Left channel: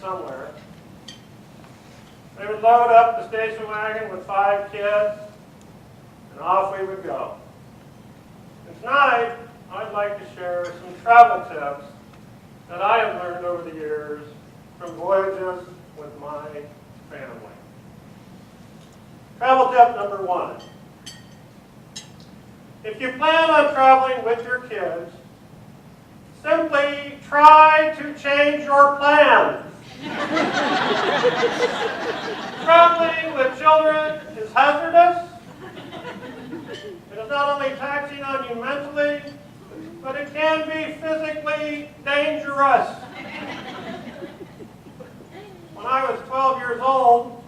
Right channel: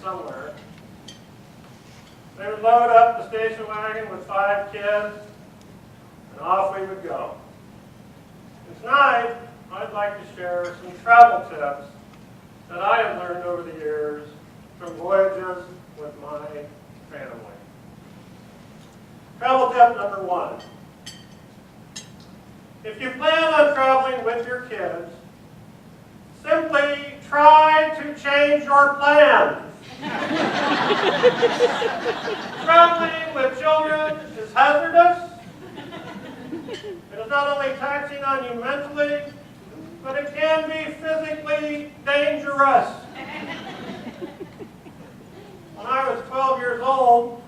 somewhere. They would load up the station wagon with 5 kids, and off we would go. And tonight, I'd like to share some travel tips that I have learned over the years from voyages with my family. Travel tip number 1. If you plan on traveling with your kids, simply try to change your plans. Traveling with children is hazardous. It is not only taxing on you mentally, but it can be physically dangerous. When I was 12 years old,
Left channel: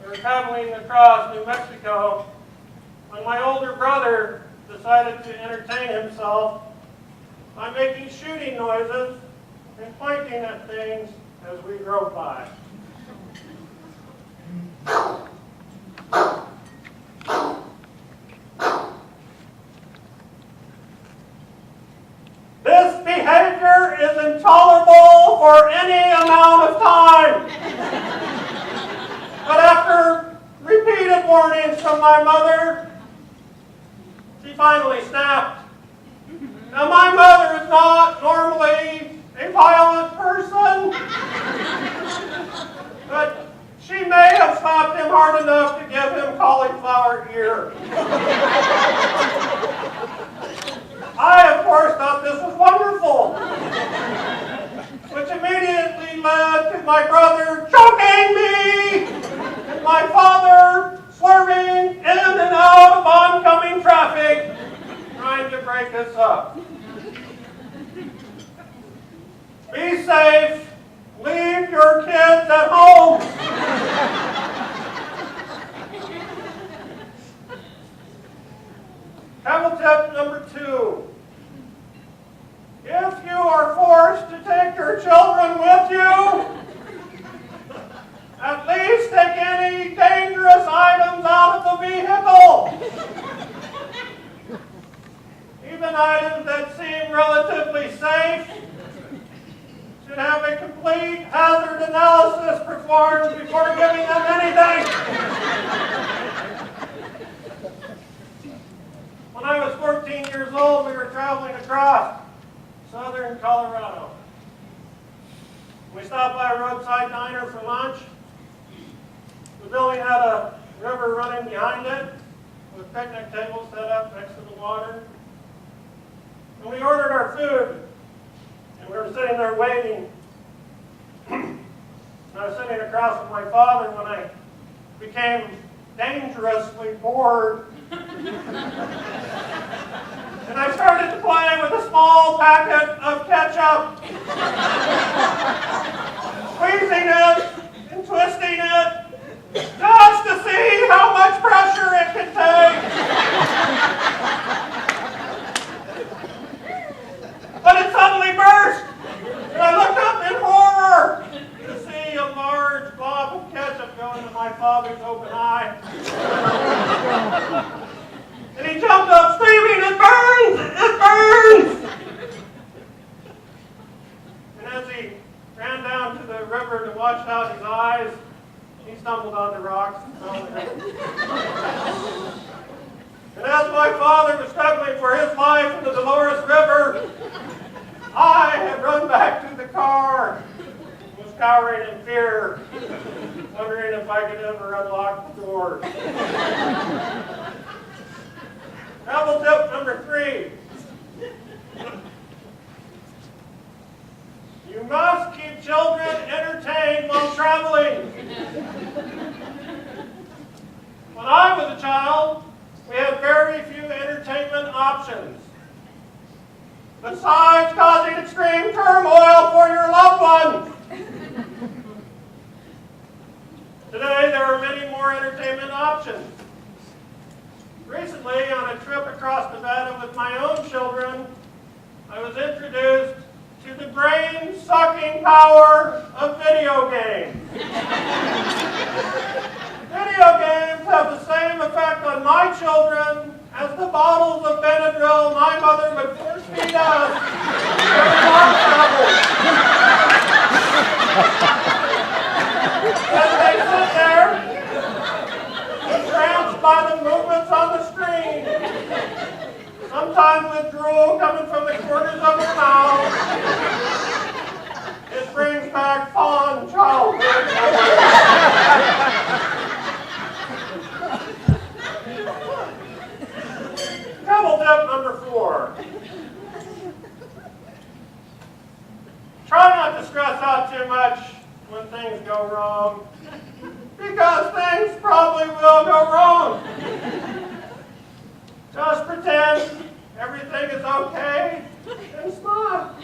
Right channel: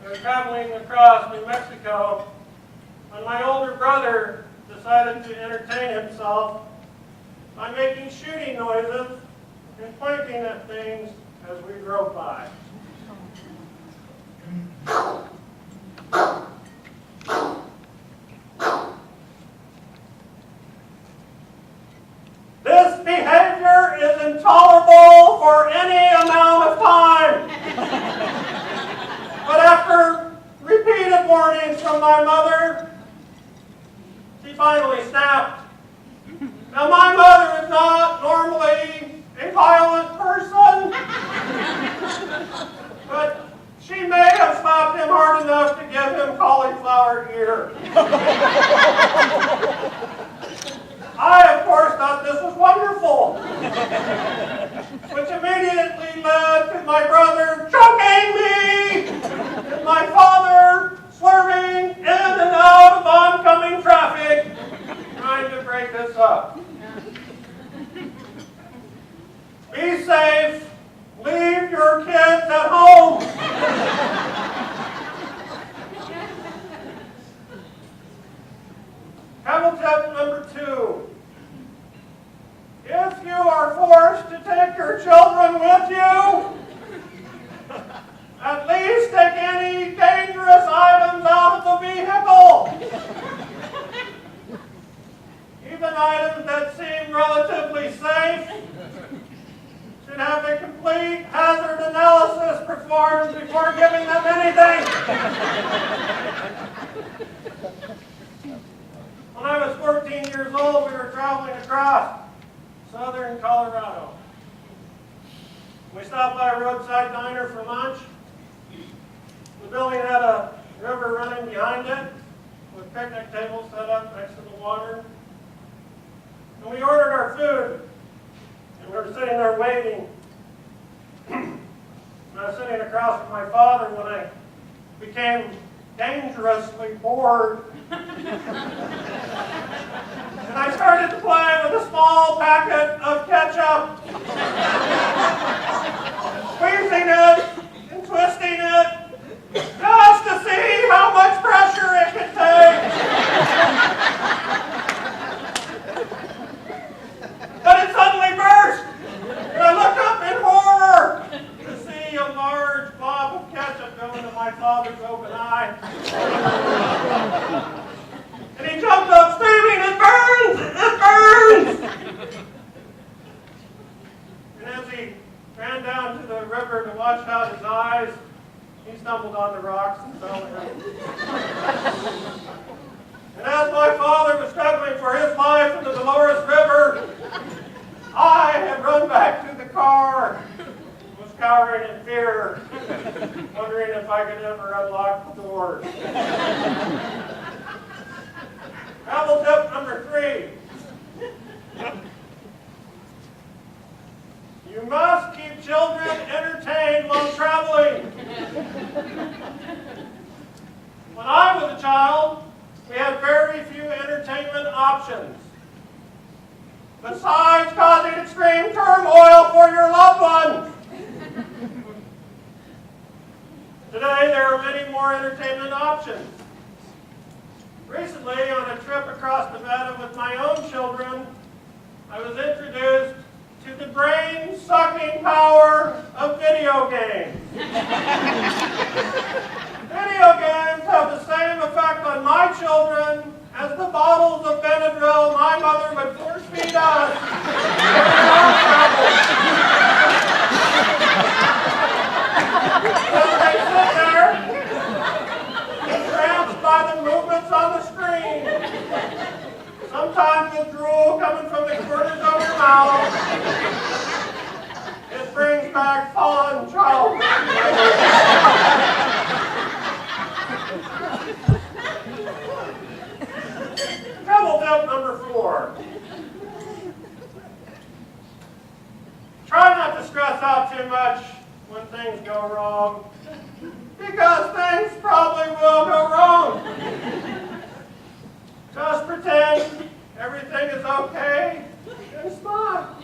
we were traveling across New Mexico, and my older brother decided to entertain himself by making shooting noises and pointing at things as we drove by. This behavior is intolerable for any amount of time. But after repeated warnings from my mother, she finally snapped. Now, my mother is not normally a violent person, but she may have slapped him hard enough to give him cauliflower ear. I, of course, thought this was wonderful, which immediately led to my brother choking me and my father swerving in and out of oncoming traffic, trying to break us up. Be safe. Leave your kids at home. Travel tip number 2. If you are forced to take your children with you, at least take any dangerous items out of the vehicle. Even items that seem relatively safe should have a complete hazard analysis performed before giving them anything. When I was 14 years old, we were traveling across southern Colorado. We stopped by a roadside diner for lunch. The building had a river running behind it with picnic tables set up next to the water. And we ordered our food, and we were sitting there waiting. And I was sitting across from my father when I became dangerously bored. And I started to play with a small packet of ketchup, squeezing it and twisting it just to see how much pressure it could take. But it suddenly burst, and I looked up in horror to see a large blob of ketchup go into my father's open eye. And he jumped up screaming, "It burns! It burns!" And as he ran down to the river to wash out his eyes, he stumbled onto rocks and fell in. And as my father was struggling for his life in the Dolores River, I had run back to the car, was cowering in fear, wondering if I could ever unlock the doors. Travel tip number 3. You must keep children entertained while traveling. When I was a child, we had very few entertainment options, besides causing extreme turmoil for your loved ones. Today, there are many more entertainment options. Recently, on a trip across Nevada with my own children, I was introduced to the brain-sucking power of video games. Video games have the same effect on my children as the bottles of Benadryl my mother would force feed us during our travels. when things go wrong, because things probably will go wrong. Just pretend everything is okay and smile.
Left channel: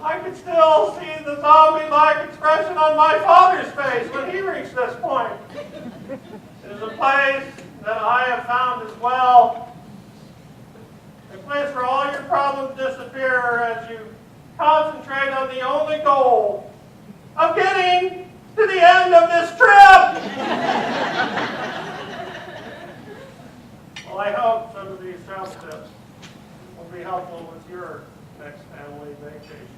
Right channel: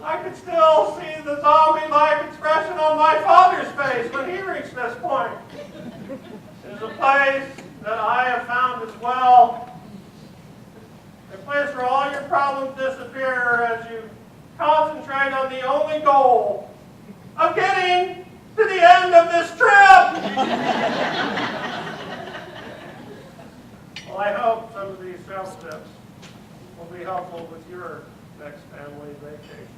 I could still see the zombie-like expression on my father's face when he reached this point. It is a place that I have found as well. A place where all your problems disappear as you concentrate on the only goal of getting to the end of this trip. Well, I hope some of these travel tips will be helpful with your next family vacation.